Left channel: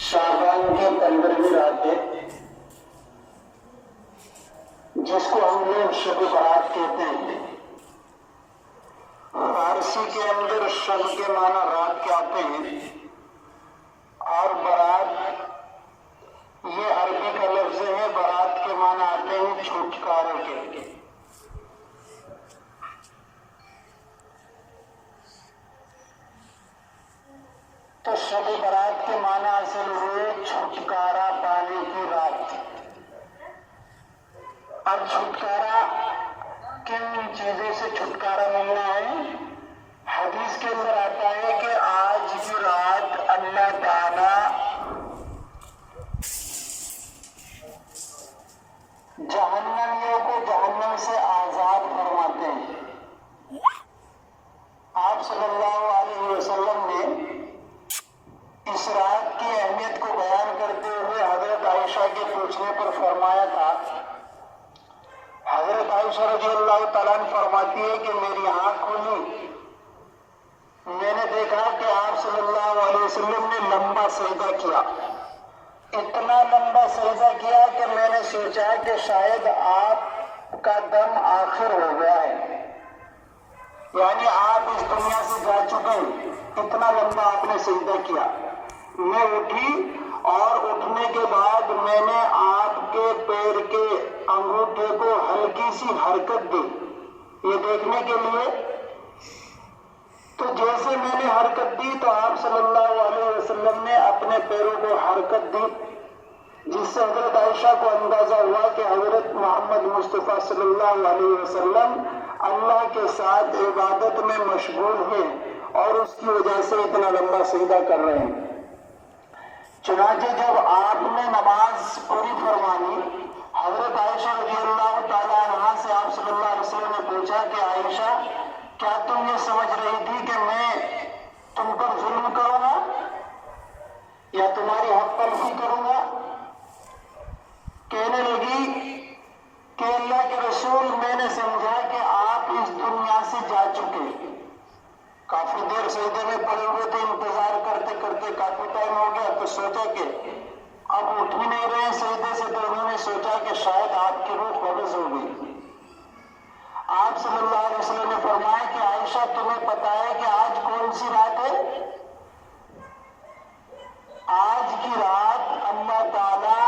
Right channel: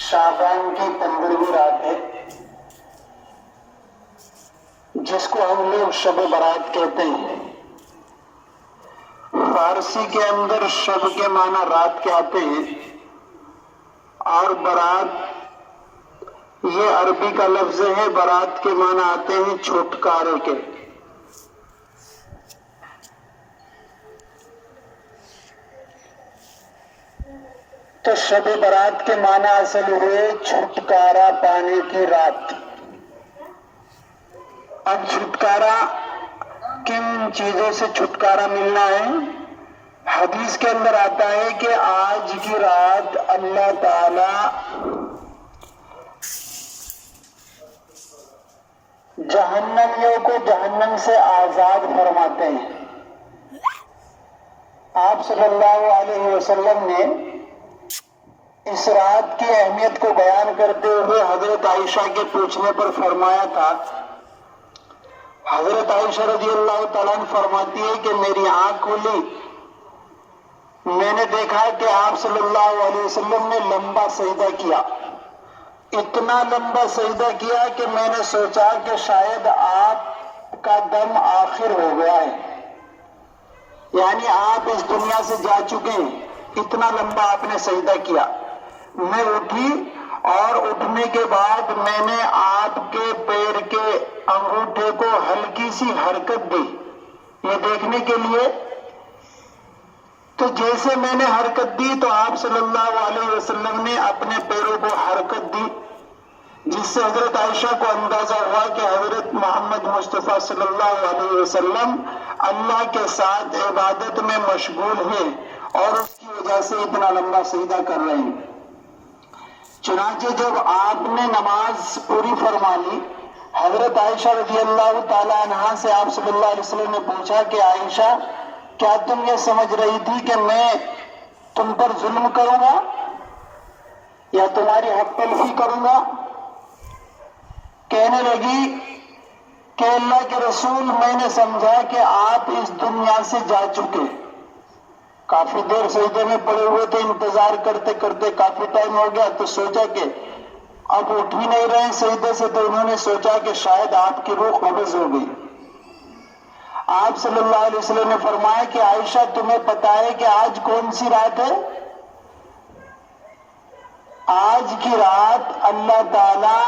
شعبان کی 15ویں رات ہے، جس کو ہم لوگ شب برات کہتے ہیں۔ فارسی کے اندر شب کے معنی رات کے آتے ہیں، اور برات یہ عربی کا لفظ ہے۔ برات کے معنی آتے ہیں چھٹکارے کے۔ تو شب برات کے معنی اصل ہوئے چھٹکارا پانے کی رات۔ اب چھٹکارا کن چیزوں سے چھٹکارا ملنا ہے؟ حدیث کے اندر آتا ہے کہ آج کی رات اللہ تعالی جہنمیوں کو جہنم سے آزاد فرماتے ہیں۔ آپ صلی اللہ علیہ وسلم نے اس رات کی اہمیت کو بیان کرتے ہوئے حضرت عائشہ کے پوچھنے پر فرمایا تھا۔ حضرت عائشہ رضی اللہ تعالیٰ عنہ فرماتی ہے کہ میری آنکھ کھلی، میں نے دیکھا کہ آپ صلی اللہ علیہ وسلم نے لمبا سجدہ کیا، اتنا لمبا سجدہ کیا کہ میں نے سوچا کہ شاید آپ کا دم آخر ہو گیا ہے، یعنی آپ اس دنیا سے جا چکے ہیں، اتنا لمبا آپ نے سجدہ کیا۔ میں اٹھی اور اٹھنے کے بعد میں نے آپ کے پیر کے انگوٹھے کو ہلکی سی حرکت دی یہ دیکھنے کے لیے، تو جیسے میں نے حرکت دی تو آپ صلی اللہ علیہ وسلم نے اپنے پیروں کو حرکت دی، جس سے حضرت عائشہ کو اندازہ ہوا کہ حضرت محمد مصطفیٰ صلی اللہ علیہ وسلم اللہ کے ساتھ عبادت میں مشغول ہیں اور اس کی وجہ سے اتنا لمبا سجدہ کر رہے ہیں۔ چنانچہ جب آپ نے نماز پوری فرما لی، حضرت عائشہ رضی اللہ تعالیٰ عنہا سے آپ صلی اللہ علیہ وسلم نے پوچھا کہ عائشہ، کیا تم یہ سمجھ رہی تھی کہ میں تم پر ظلم کروں گا یا تمہاری حق تلفی کروں گا؟ کہنے لگی کہ اللہ کے رسول، میں نے سمجھا کہ آپ اس دنیا سے جا چکے، کافی دیر سجدے میں پڑے ہوئے تھے، انتظار کرتے کرتے کافی ٹائم ہو گیا، تو سوچا کہ اب اٹھ بھی نہیں رہے سجدے سے، تو انہوں نے سوچا کہ شاید آپ کی روح قبض ہو گئی۔ آپ صلی اللہ علیہ وسلم نے فرمایا کہ عائشہ، تمہیں پتا ہے کہ آج کون سی رات ہے؟ آج کی رات اللہ تعالی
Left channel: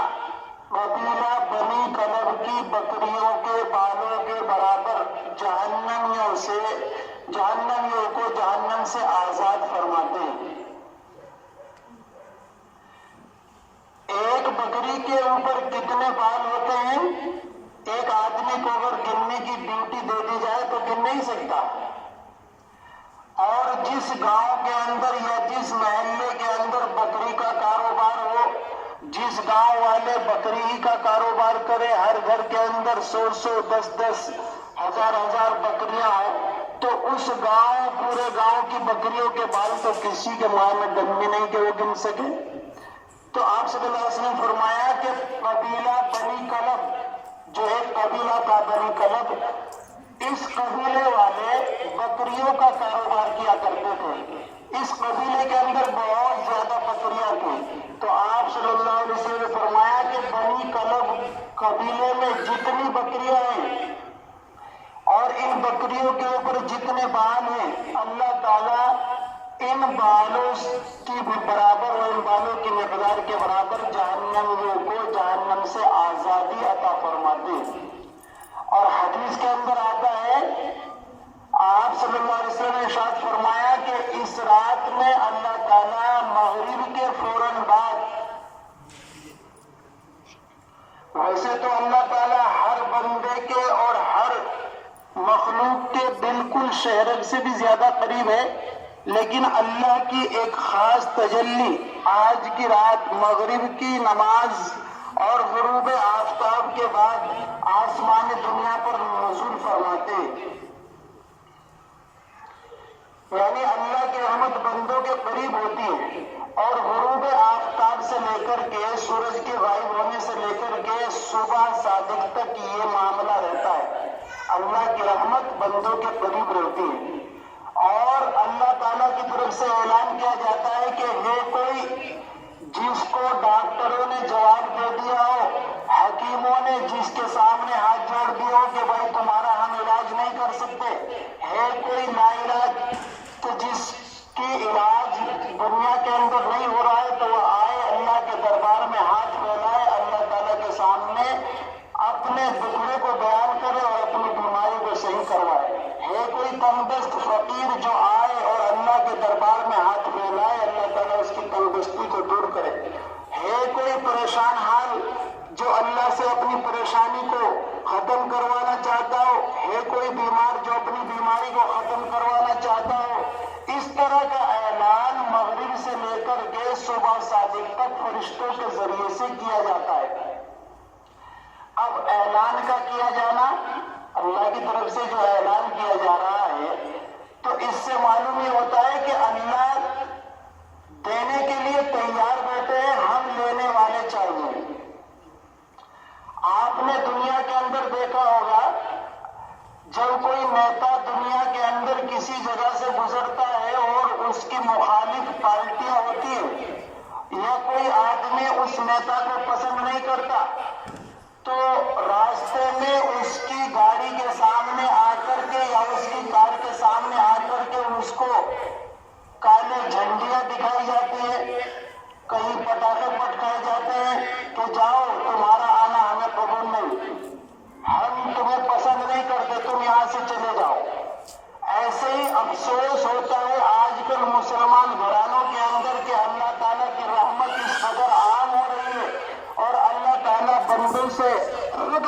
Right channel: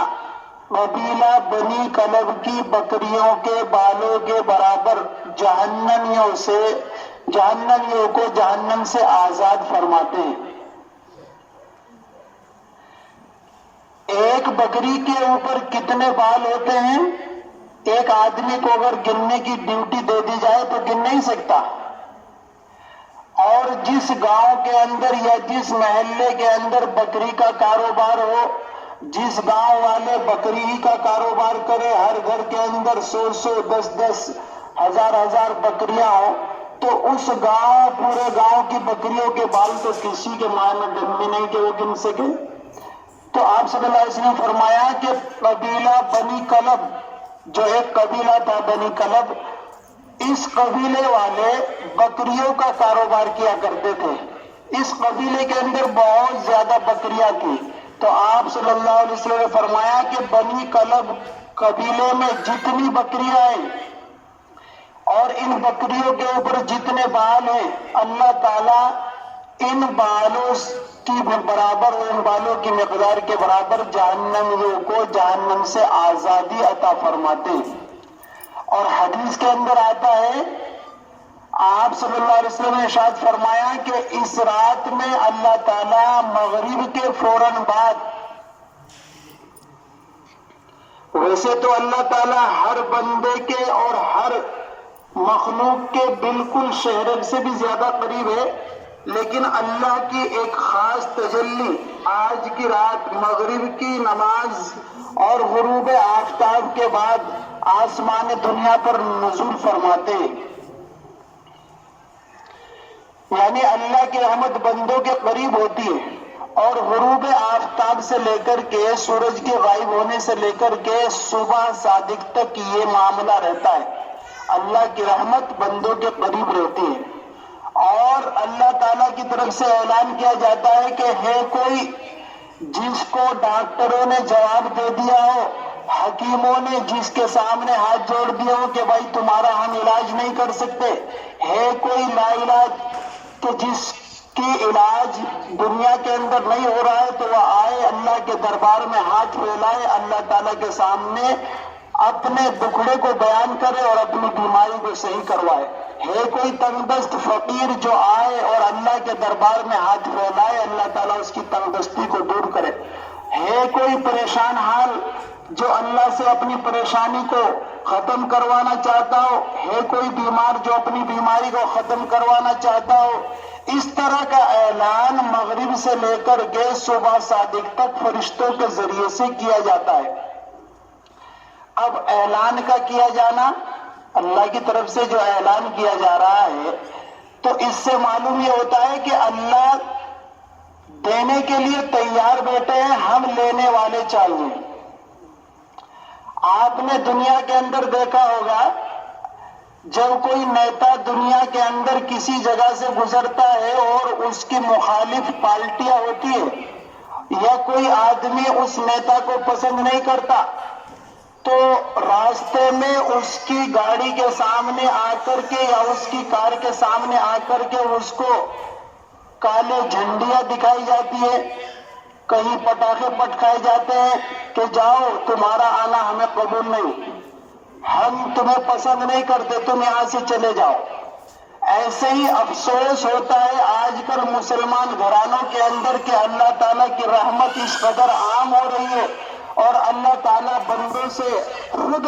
قبیلہ بنی کلب کی بکریوں کے بالوں کے برابر جہنمیوں کو جہنم سے آزاد فرماتے ہیں۔ ایک بکری کے اوپر کتنے بال ہوتے ہیں؟ ایک آدمی کو اگر گننے کی ڈیوٹی دے دی جائے تو گن نہیں سکتا، اور جس گاؤں کے اندر یا جس محلے کے اندر بکری کا کاروبار ہو، جس گاؤں والے بکری ہی کا کاروبار کرے، ہر گھر کے اندر 100 10 ہزار بکریاں ہوں، تو اس گاؤں پورے گاؤں کی بکریوں کے بال تو کسی کے ماں میں دم بھی نہیں کہ وہ گن سکے۔ تو آپ صلی اللہ علیہ وسلم نے فرمایا کہ قبیلہ بنی کلب، جو ایک قبیلہ تھا بنی کلب، اس قبیلے والے بکریوں کا کاروبار کیا کرتے تھے، اس قبیلے کے اندر بہت زیادہ بکریاں تھیں۔ تو آپ صلی اللہ علیہ وسلم نے فرمایا کہ بنی کلب قبیلے میں جتنی بکریاں ہیں اور ان بکریوں کے اوپر جتنے بال ہیں، اللہ تعالیٰ ان بالوں کی برابر، ان بالوں کی مقدار کے برابر جہنمیوں کو جہنم سے آزادی عطا فرماتے ہیں۔ اور حدیث کے اندر آتا ہے، آپ صلی اللہ علیہ وسلم نے ارشاد فرمایا کہ اس رات میں اللہ تعالیٰ مغرب کے فوراً بعد، ویسے تو اللہ تعالیٰ ہر بندے کے اور ہر مخلوق کے بالکل شہرت سے بھی زیادہ قریب ہے، لیکن اللہ کی ایک خاص تجلی آج کی رات مغرب کی نماز اور غروب آفتاب کے بعد آسمان دنیا پر نزول فرماتے، یعنی اللہ کی رحمت بندوں کے قریب ہوتی ہے، اور غروب آفتاب سے لے کر کے سورج کے غائب ہونے سے لے کر کے صبح صادق تک یہ معاملہ رہتا ہے، اللہ کی رحمت بندوں کے قریب رہتی ہے۔ اور اللہ تعالیٰ کی طرف سے اعلان کیا جاتا ہے کہ ہے کوئی جس کو ڈاکٹروں نے جواب دے دیا ہو، حکیموں نے جس کے سامنے ہاتھ جوڑ دیے ہو کہ بھائی تمہارا ہم علاج نہیں کر سکتے، ہے کوئی لا علاج کہ جس کی علاج دنیا کے اندر نہیں ہو رہا ہے، تو وہ آئے اللہ کے دربار میں ہاتھ پھیلائے، اللہ تعالیٰ کے سامنے اپنے دکھڑے کو بیان کرے اور اپنی بیماری کو صحیح کروائے۔ ہے کوئی تنگ دست فقیر جو آئے اور اللہ کے دربار میں ہاتھ پھیلائے، اللہ تعالیٰ اس کی تنگ دستی کو دور کرے۔ ہے کوئی پریشان حال جو اللہ سے اپنی پریشانی کو ختم کروانا چاہتا ہو، ہے کوئی بیمار جو اپنی بیماری کو ختم کروانا چاہتا ہو۔ اس طرح کا اعلان مغرب سے لے کر کے صبح صادق تک فرشتوں کے ذریعے سے کیا جاتا ہے۔ اب اعلان کا کیا جانا، اللہ کی طرف سے جو اعلان کیا جا رہا ہے، تو اس سے معلوم یہ ہوتا ہے کہ اللہ دینے کے لیے تیار بیٹھے ہیں، ہم لینے والے چاہیے۔ آپ نے دنیا کے اندر دیکھا ہوگا جب کوئی نیتا دنیا کے اندر کسی جگہ سے گزرتا ہے اور اس کی مخالف پارٹیاں ہوتی ہے یا کوئی آدمی اس نیتا کو پسند نہیں کرتا، تو راستے میں اس کی گاڑی کے سامنے آ کر کے یا اس کی کار کے سامنے آ کر کے اس کو کالے جھنڈیاں دکھائی جاتی ہے، کہیں پٹاخے پٹکائے جاتے ہیں کہ جاؤ تمہارا آنا ہمیں قبول نہیں، ہم تمہیں پسند نہیں کرتے، تم یہاں سے چلے جاؤ۔ ایسے ہی افسوس ہوتا ہے آج کل مسلمان گھرانوں کے اندر کہ اللہ تعالیٰ کی رحمت اس قدر عام ہو رہی ہے اور اللہ تعالیٰ بندوں سے خود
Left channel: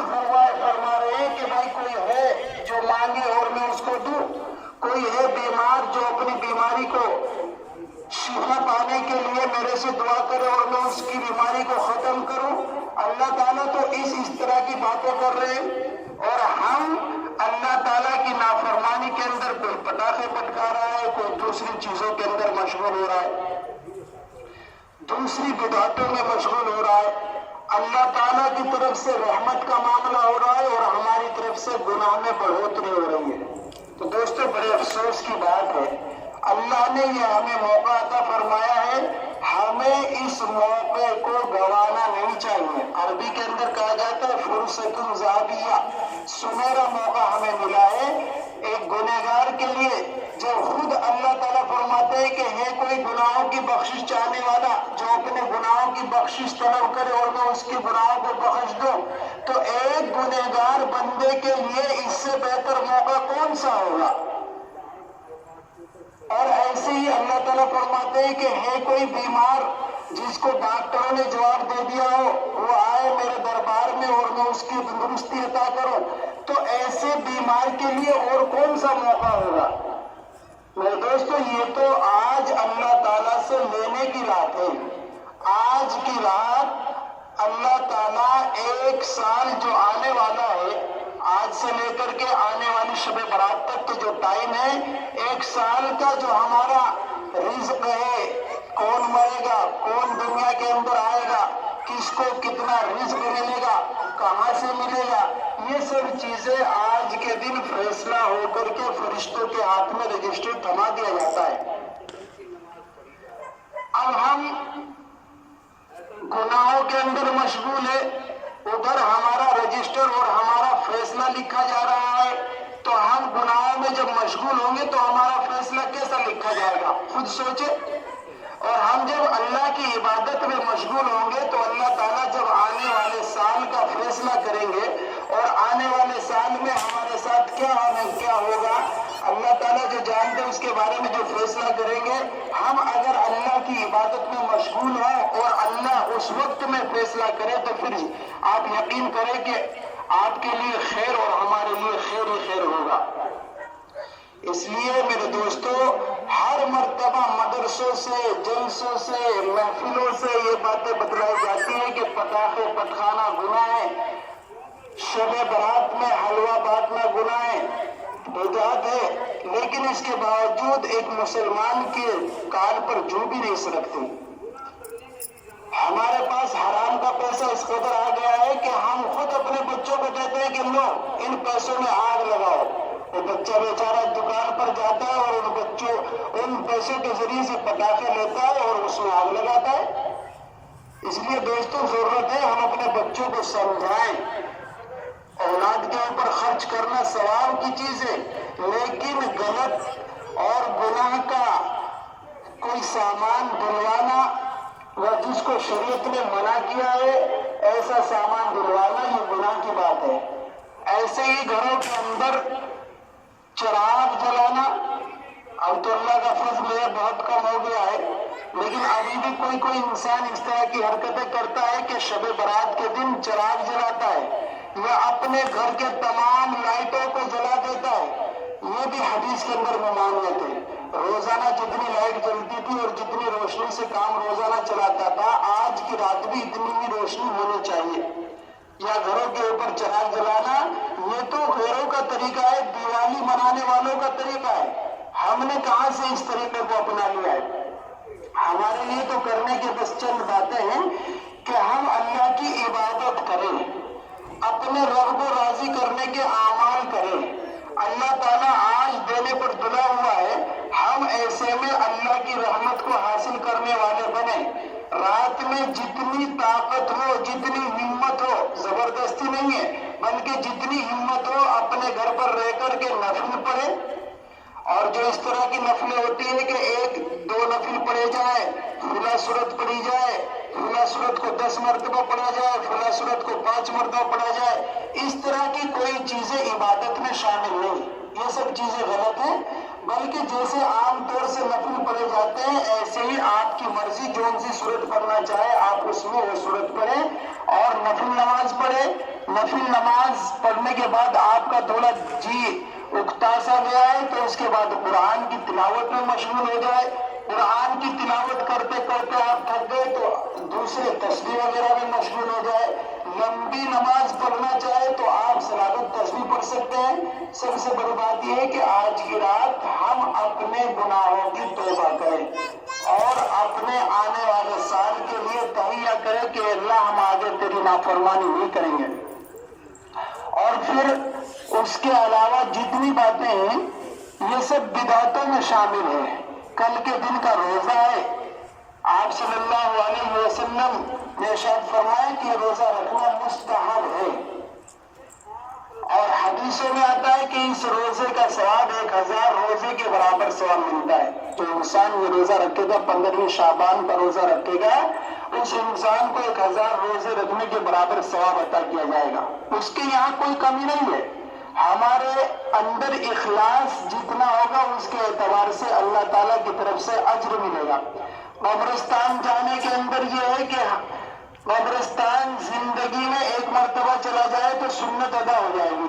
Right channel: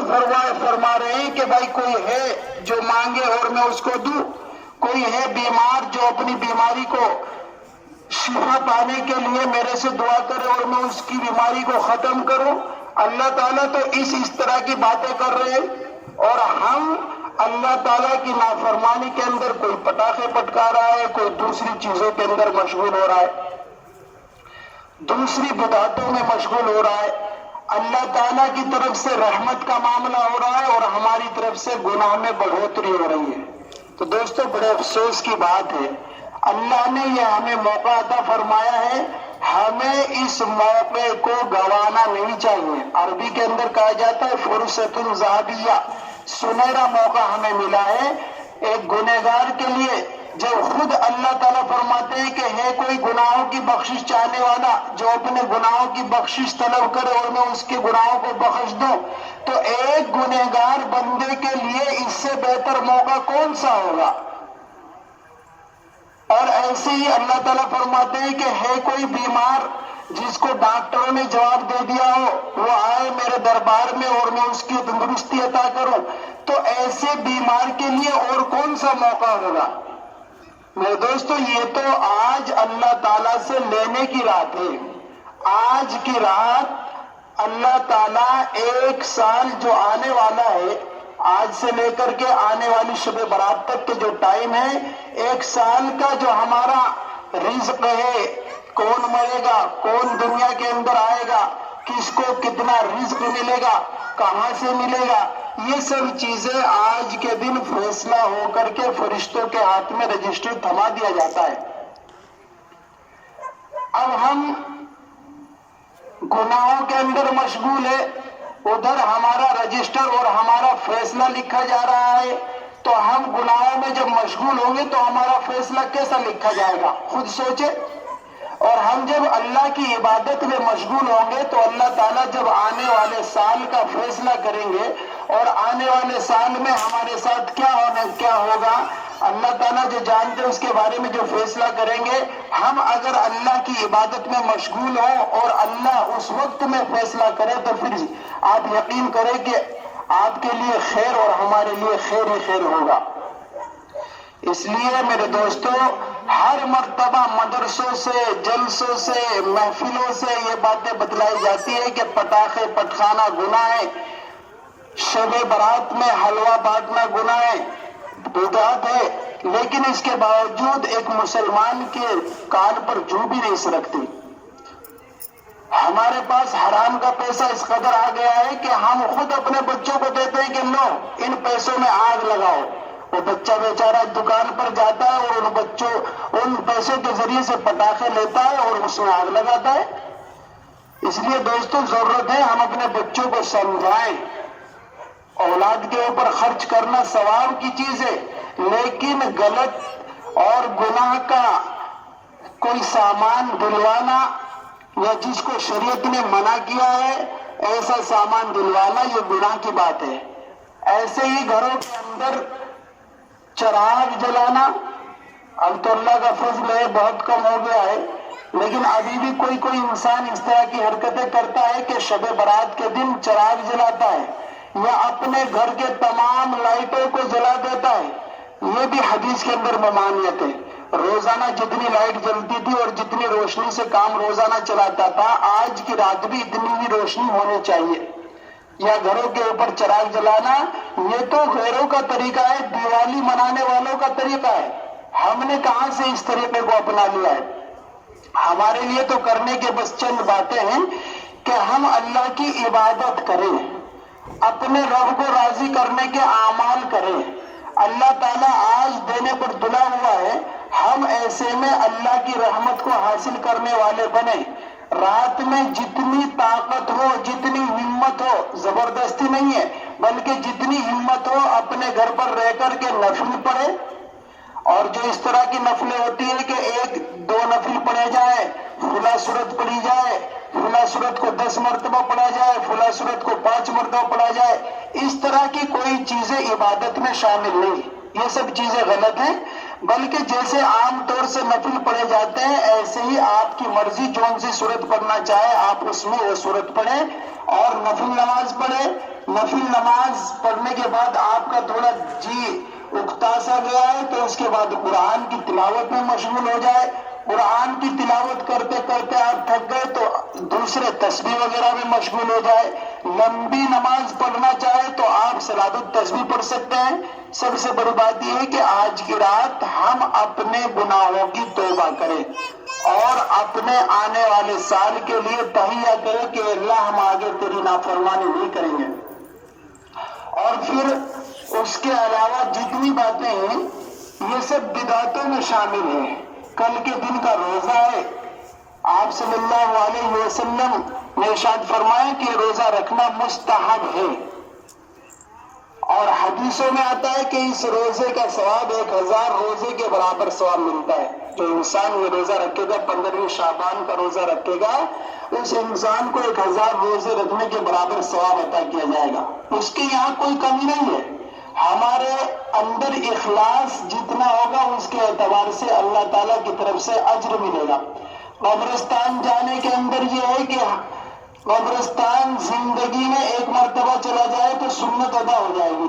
فرما رہے ہیں کہ بھائی کوئی ہے جو مانگے اور میں اس کو دوں، کوئی ہے بیمار جو اپنی بیماری کو شفا پانے کے لیے میرے سے دعا کرے اور میں اس کی بیماری کو ختم کروں۔ اللہ تعالیٰ تو اس طرح کی باتیں کر رہے ہیں اور ہم اللہ تعالیٰ کی نافرمانی کے اندر کوئی پٹاخے پٹکا رہا ہے، کوئی دوسری چیزوں کے اندر مشغول ہو رہا ہے، دوسری بدعتوں میں مشغول ہو رہا ہے۔ اللہ تعالیٰ کی طرف سے رحمت کا معاملہ ہو رہا ہے اور ہماری طرف سے گناہ میں بڑھوتری ہو رہی ہے۔ تو دوستو بڑے افسوس کی بات ہے، اللہ نے یہ ہمیں موقع عطا فرمایا ہے، ہمیں اس موقع کو گنوانا نہیں چاہیے۔ عربی کے اندر کہا جاتا ہے فرصت ذهبیہ، سنہرا موقع ہمیں ملا ہے ایک گنہگار کے لیے، جب خود اللہ تعالیٰ فرماتے ہیں کہ ہے کوئی گناہوں کی بخشش چاہنے والا جو اپنے گناہوں کی بخشش طلب کرے اور میں اس کے گناہوں کو بخش دوں، تو ایک گنہگار بندے کے لیے اس سے بہتر موقع کون سا ہوگا؟ اور ایسے ہی اللہ تعالیٰ فرماتے ہیں کہ ہے کوئی بیمار جس کو ڈاکٹروں نے جواب دے دیا ہو، وہ آئے میرے دربار میں اور میں اس کی تندرستی عطا کروں، تو ایسے بیمار کے لیے اور کون سا موقع ہوگا؟ میرے دوستو یہ تو آج اللہ تعالیٰ سے لینے کی رات ہے۔ آج کی رات اللہ تعالیٰ ایک سال جو آنے والا ہے، آج سے لے کر کے آنے والی شب برات تک کے جو ٹائم ہے، ایک سال کا جو ہمارا رزق ہے، کون مرے گا، کون دنیا کے اندر آئے گا، کس کو کتنا رزق ملے گا، کہاں سے ملے گا، یہ سب چیزیں آج کے دن فیصلہ ہو کر کے فرشتوں کے ہاتھ میں رجسٹر تھما دیا جاتا ہے۔ اب ہم گناہوں کے اندر مشغول ہے، ادھر ہمارا رجسٹر اور ہمارا فیصلہ لکھا جا رہا ہے، تو ہم گناہوں میں جب مشغول ہوں گے تو ہمارا فیصلہ کیسا لکھا جائے گا؟ خود سوچے۔ اور ہم جب اللہ کی عبادت میں مشغول ہوں گے تو اللہ تعالیٰ جب آنے والے سال کا فیصلہ کریں گے اور آنے والے سال میں ہمارے ساتھ کیا ہوگا، اللہ تعالیٰ جو جانتے ہیں اس کے بارے میں جو فیصلہ کریں گے، ہم اگر اللہ کی عبادت میں مشغول ہوں اور اللہ اس وقت میں فیصلہ کرے تو پھر آپ یقین کریں کہ آپ کے لیے خیر اور ہمارے لیے خیر ہی خیر ہوگا۔ اس لیے میرے دوستو ہر مرتبہ مدرسوں سے، جلسوں سے، محفلوں سے یہ باتیں بتلائی جاتی ہیں کہ پٹاخے پٹخانا گناہ ہے، شب برات میں حلوہ بانٹنا گناہ ہے، بدعت ہے، لیکن اس کے باوجود ایک مسلمان کے کان پر جو بھی نہیں سرکتی۔ ہمارے پاس حرام کا پیسہ اس قدر آ گیا ہے کہ ہم خود اپنے بچوں کو دیتے ہیں کہ لو ان پیسوں میں آگ لگاؤ، وہ بچہ بیچارہ دکان پر جاتا ہے اور ان پیسوں کے ذریعے سے پٹاخے لیتا ہے اور اس میں آگ لگاتا ہے۔ اس لیے دوستوں ضرورت ہے ہم اپنے بچوں کو سمجھائیں، اولاد کے اوپر خرچ کرنا ثواب کی چیز ہے، لیکن غلط اور گناہ کا کوئی سامان دلوانا یا جس کو شریعت نے منع کیا ہے ایسا سامان دلوانا یہ گناہ کی بات ہے۔ ایسے ہی گھروں کے اندر چراغ جلانا، اب تو اللہ کا فضل ہے بہت کم ہو گیا ہے، لیکن ابھی بھی کوئی انسان اس طرح کی حرکتیں کرتا ہے کہ شب برات کے دن چراغ جلاتا ہے یا اپنے گھر کے تمام لائٹوں کو جلا دیتا ہے۔ یہ بھی حدیث کے اندر ممانعت ہے۔ روزانہ جتنی لائٹ جلتی تھی اور جتنی روشنی سے کام روزانہ چلاتا تھا، آج کی رات بھی اتنی ہی روشنی ہونی چاہیے۔ یا گھروں کے اوپر چراغ جلانا یہ تو غیروں کا طریقہ ہے، دیوالی منانے والوں کا طریقہ ہے۔ ہم نے کہاں سے اس طریقے کو اپنا لیا ہے؟ ہمارے لیے تو کرنے کے بس چند باتیں ہیں کہ ہم اللہ کی عبادت کریں، اپنے رب کو راضی کرنے کے اعمال کریں۔ اللہ تعالیٰ آج دینے پر تلا ہوا ہے، ہم ایسے میں اللہ کی رحمت کو حاصل کرنے والے بنیں۔ رات میں جتنی طاقت ہو، جتنی ہمت ہو، زبردستی نہیں ہے بلکہ جتنی ہمت ہو اپنے گھر پر رہ کر کے نفل پڑھے، اور جو اس طرح کی نفلیں ہوتی ہیں کہ 1-2 نفل پڑھے جائے، فلاں صورت پڑھی جائے، فلاں صورت کو 10 مرتبہ پڑھا جائے، فلاں صورت کو 5 مرتبہ پڑھا جائے، اس طرح کی کوئی چیزیں عبادت میں شامل نہیں۔ یہ سب چیزیں غلط ہیں، بلکہ جیسے عام طور سے نفل پڑھے جاتے ہیں ایسے ہی آپ کی مرضی جون سی صورت پڑھنا چاہے آپ اس میں وہ صورت پڑھیں اور نفل نماز پڑھیں۔ نفل نماز پڑھنے کے بعد آپ کا تھوڑا جی اکتا سا گیا ہے تو اس کے بعد قرآن کی تلاوت میں مشغول ہو جائے۔ قرآن کی تلاوت کرتے کرتے آپ تھک گئے تو دوسرے تسبیح وغیرہ میں مشغول ہو جائے۔ لمبی نماز پڑھنا چاہے تو آپ صلاۃ التسبیح پڑھ سکتے ہیں۔ سب سے بڑی بات یہ ہے کہ آج کی رات ہم اپنے گناہوں کی توبہ کریں اور اپنے آنے والے سال کے لیے تہیہ کریں کہ اللہ ہم آگے تیری نافرمانی نہیں کریں گے۔ اور پھر اس کے علاوہ جتنی باتیں ہیں یہ سب بدعتوں میں شامل ہیں۔ کل کے دن کا روزہ ہے، آپ صلی اللہ علیہ وسلم نے ارشاد فرمایا کہ روزہ رکھنا مستحب ہے، اور حدیثوں میں آتا ہے کہ اس روزے کا ثواب 1000 روزے کے برابر ثواب ملتا ہے۔ تو انسان یہ روزہ رکھے گا، 15ویں شعبان کا روزہ رکھے گا، اس انسان کو 1000 روزے رکھنے کے برابر ثواب عطا کیا جائے گا۔ اس کے یہاں کوئی کمی نہیں ہے، ہمارے اندر اخلاص جتنا ہوگا اس کے اعتبار سے اللہ تعالیٰ کی طرف سے اجر ملے گا۔ قبرستان جانے کے اندر یہ ہے کہ قبرستان زندگی میں 1 مرتبہ چلا جائے تو سنت ادا ہو جائے گی۔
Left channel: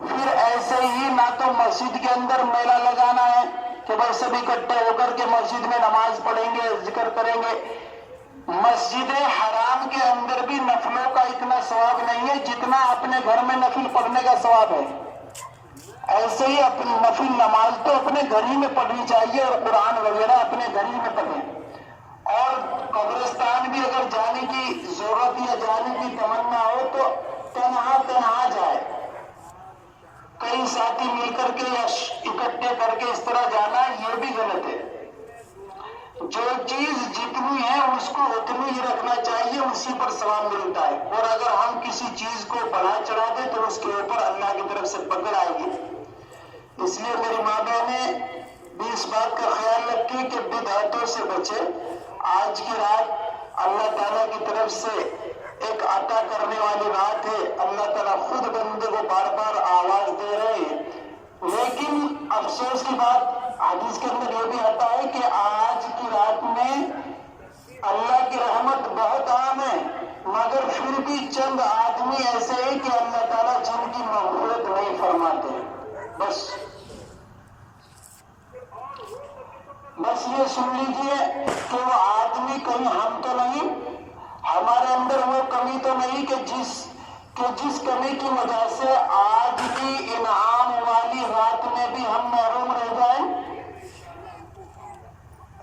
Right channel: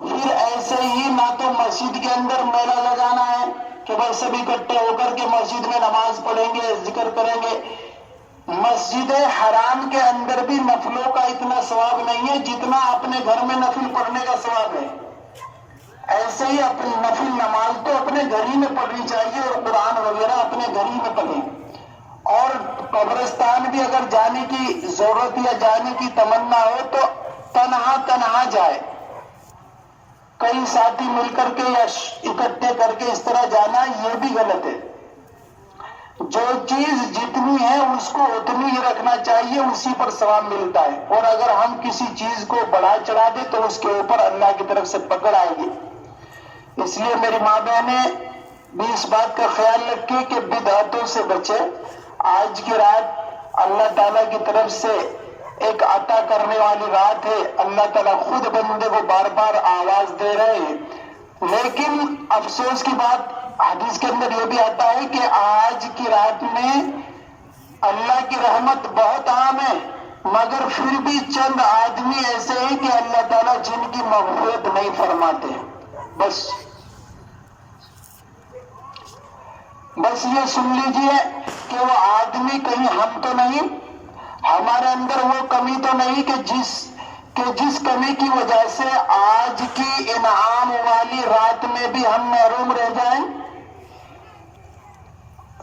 پھر ایسے ہی نہ تو مسجد کے اندر میلہ لگانا ہے کہ بس سب اکٹھے ہو کر کے مسجد میں نماز پڑھیں گے، ذکر کریں گے۔ مسجد حرام کے اندر بھی نفلوں کا اتنا ثواب نہیں ہے جتنا اپنے گھر میں نفل پڑھنے کا ثواب ہے۔ ایسے ہی اپنی نفل نماز تو اپنے گھر ہی میں پڑھنی چاہیے اور قرآن وغیرہ اپنے گھر ہی میں پڑھیں۔ اور قبرستان بھی اگر جانے کی ضرورت یا جانے کی تمنا ہو تو تنہا جائے، کئی ساتھی مل کر کے یا اکٹھے کر کے اس طرح جانا یہ بھی غلط ہے۔ جو چیز جتنی ہے اس کو اتنی ہی رکھنا چاہیے، اسی پر ثواب ملتا ہے، اور اگر ہم کسی چیز کو بڑھا چڑھا دیں تو اس کے اوپر اللہ کی طرف سے پکڑ آئے گی۔ اس لیے میری ماں بہنیں بھی اس بات کا خیال رکھیں کہ بدعتوں سے بچے۔ آج کی رات اللہ تعالیٰ کی طرف سے ایک عطا کرنے والی رات ہے، اللہ تعالیٰ خود بندے کو بار بار آواز دے رہے ہیں، لیکن افسوس کی بات حدیث کے اندر یہ بھی آتا ہے کہ آج کی رات میں اللہ کی رحمت بہت عام ہے، مگر پھر بھی چند آدمی ایسے ہیں کہ اللہ تعالیٰ جن کی مغفرت نہیں فرماتے۔ بس یہ سن لیجئے کہ وہ آدمی کہیں ہم تو نہیں، ہمارے اندر وہ کمی تو نہیں کہ جس کمی کی وجہ سے آج کی انعام والی رات میں بھی ہم محروم رہ جائیں۔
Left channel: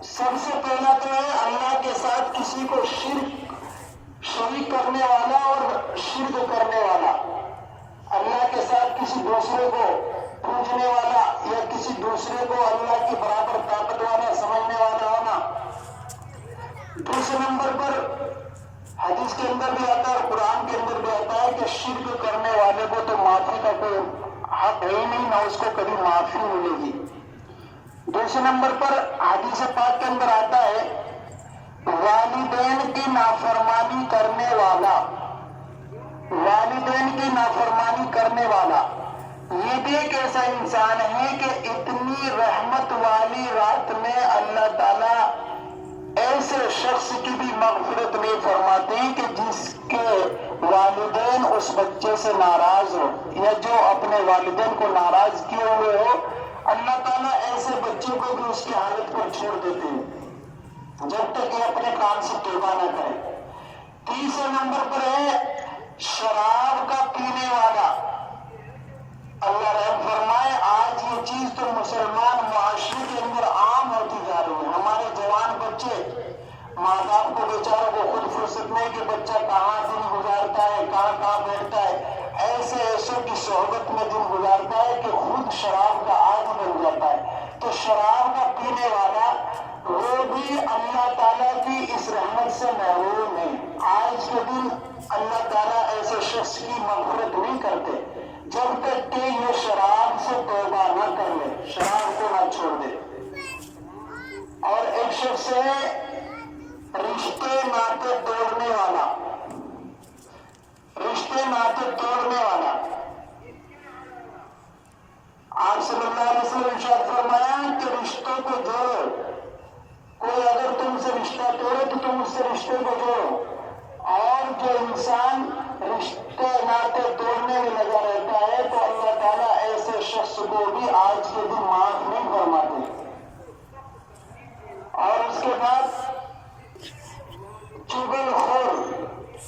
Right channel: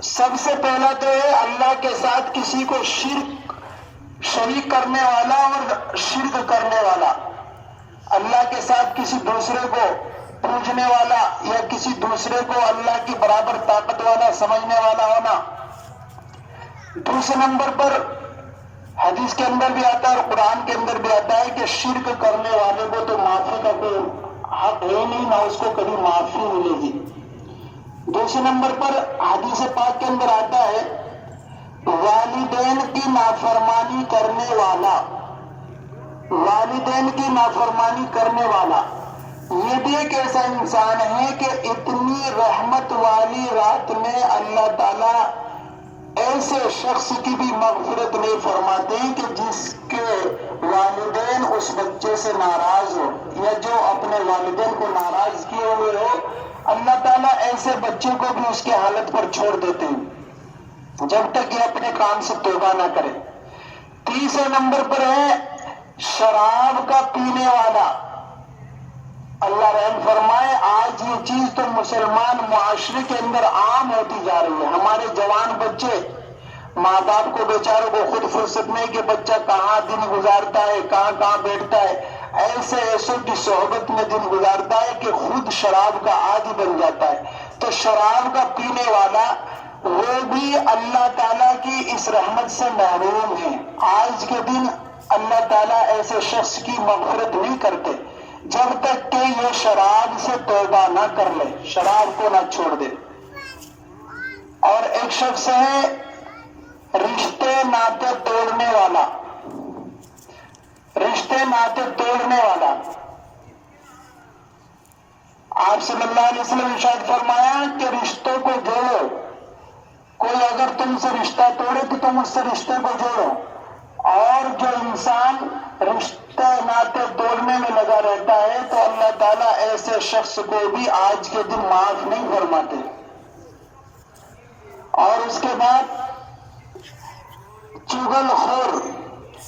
سب سے پہلا تو ہے اللہ کے ساتھ کسی کو شریک کرنے والا اور شرک کرنے والا، اللہ کے ساتھ کسی دوسرے کو پوجنے والا یا کسی دوسرے کو اللہ کی برابر طاقت والا سمجھنے والا ہونا۔ دوسرے نمبر پر حدیث کے اندر بھی آتا ہے اور قرآن کے اندر بھی آتا ہے کہ شرک کرنے والے کو تو معافی کا کوئی حق ہے ہی نہیں، نہ اس کو کبھی معافی ملے گی۔ دوسرے نمبر پر حدیث پاک کے اندر آتا ہے والدین کی نافرمانی کرنے والا، والدین کی نافرمانی کرنے والا یہ بھی ایک ایسا انسان ہے کہ اتنی رحمت والی رات میں اللہ تعالیٰ ایسے شخص کی بھی مغفرت نہیں فرماتے کہ جس کے والدین اس بچے سے ناراض ہو یا جو اپنے والدین کو ناراض کیے ہوئے ہو، اللہ تعالیٰ ایسے بچے کو بھی اس کے حالت پر چھوڑ دیتے ہیں جب تک یہ اپنے کام سے توبہ نہ کرے۔ تیسرے نمبر پر ہے شراب کا پینے والا۔ اللہ رحم فرمائے، آج یہ چیز تو مسلمان معاشرے کے اندر عام ہوتی جا رہی ہے۔ ہمارے جوان بچے، ماں باپ کو بیچاروں کو خود فرصت نہیں کہ بچہ کہاں دن گزارتا ہے، کہاں بیٹھتا ہے، ایسوں کی صحبت میں دن گزارتا ہے کہ خود شراب کا عادی بن جاتا ہے۔ تو شراب کا پینے والا وہ بھی اللہ تعالیٰ کی اس رحمت سے محروم ہے۔ آج کے دن اللہ تعالیٰ ایسے شخص کی مغفرت نہیں کرتے جب تک کہ یہ شراب سے توبہ نہ کر لے، شراب کو نہ چھوڑ دے۔ اور ایک شخص ہے رشتے ناطے توڑنے والا، رشتے ناطے توڑنے والا۔ آپ صلی اللہ علیہ وسلم ارشاد فرمایا کہ رشتوں کو جوڑو، کوئی اگر تم سے رشتہ توڑے تو تم اس سے رشتے کو جوڑو۔ اور جو انسان رشتے ناطے توڑنے میں لگا رہتا ہے تو اللہ تعالیٰ ایسے شخص کو بھی آج کے دن معاف نہیں فرماتے۔ اور اس کے بعد چغل خور،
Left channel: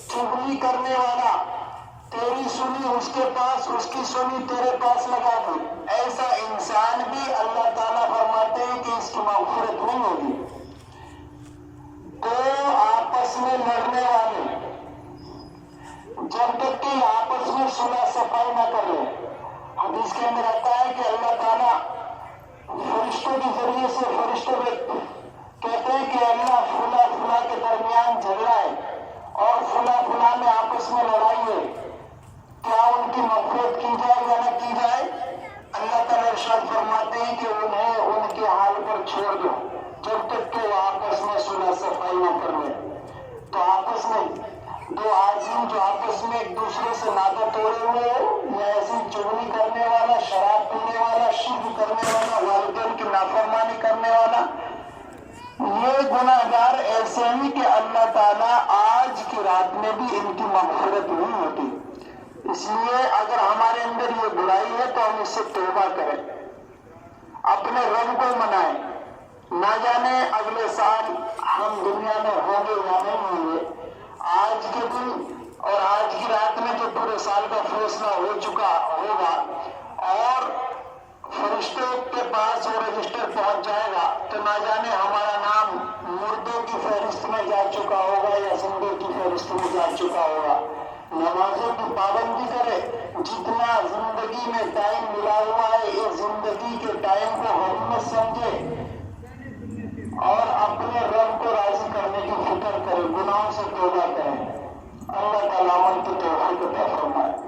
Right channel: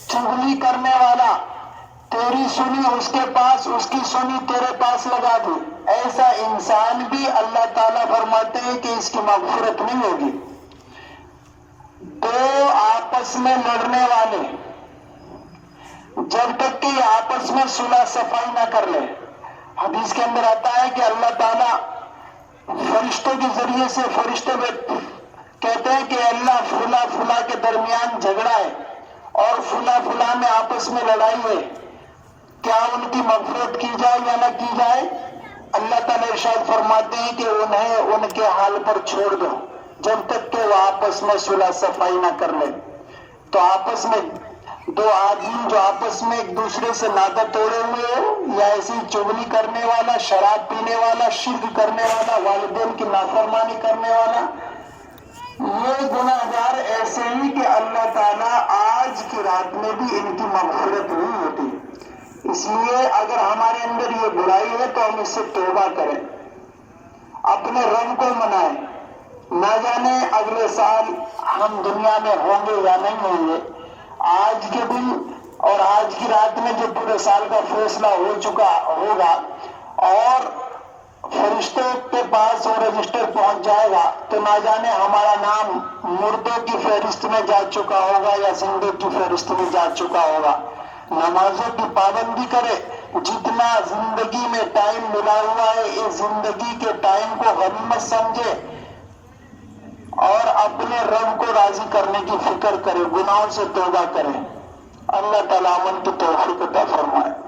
چغلی کرنے والا، تیری سنی اس کے پاس، اس کی سنی تیرے پاس لگا دی، ایسا انسان بھی اللہ تعالیٰ فرماتے ہیں کہ اس کی مغفرت نہیں ہوگی۔ دو آپس میں لڑنے والے جب تک کہ آپس میں صلح صفائی نہ کر لے، حدیث کے اندر آتا ہے کہ اللہ تعالیٰ فرشتوں کے ذریعے سے فرشتے کہتے ہیں کہ اللہ فلاں فلاں کے درمیان جھگڑا ہے اور فلاں فلاں میں آپس میں لڑائی ہے، کیا ان کی مغفرت کی جائے یا نہ کی جائے؟ اللہ تعالیٰ ارشاد فرماتے ہیں کہ انہیں ان کے حال پر چھوڑ دو جب تک کہ وہ آپس میں صلح صفائی نہ کر لے۔ تو آپس میں دو آدمی جو آپس میں ایک دوسرے سے ناطہ توڑے ہوئے یا ایسی چغلی کرنے والا، شراب پینے والا، شرک کرنے والا، والدین کی نافرمانی کرنے والا، یہ گناہگار ایسے ہی کہ اللہ تعالیٰ آج کی رات میں بھی ان کی مغفرت نہیں ہوتی۔ اس لیے اگر ہمارے اندر یہ برائی ہے تو ہم اس سے توبہ کریں، اپنے رب کو منائیں۔ نہ جانے اگلے سال ہم دنیا میں ہوں گے یا نہیں ہوں گے۔ آج کے دن اور آج کی رات میں جو پورے سال کا فیصلہ ہو چکا ہوگا اور فرشتے کے پاس وہ رجسٹر پہنچ جائے گا تو نہ جانے ہمارا نام مردوں کی فہرست میں جا چکا ہوگا یا زندوں کی فہرست میں جا چکا ہوگا۔ نمازوں کی پابندی کرے، جتنا زندگی میں ٹائم ملا ہوا ہے اس زندگی کے ٹائم کو غنیمت سمجھے اور اپنے رب کو راضی کرنے کی فکر کرے، گناہوں سے توبہ کرے۔ اللہ تعالیٰ ہم کو توفیق عطا فرمائے۔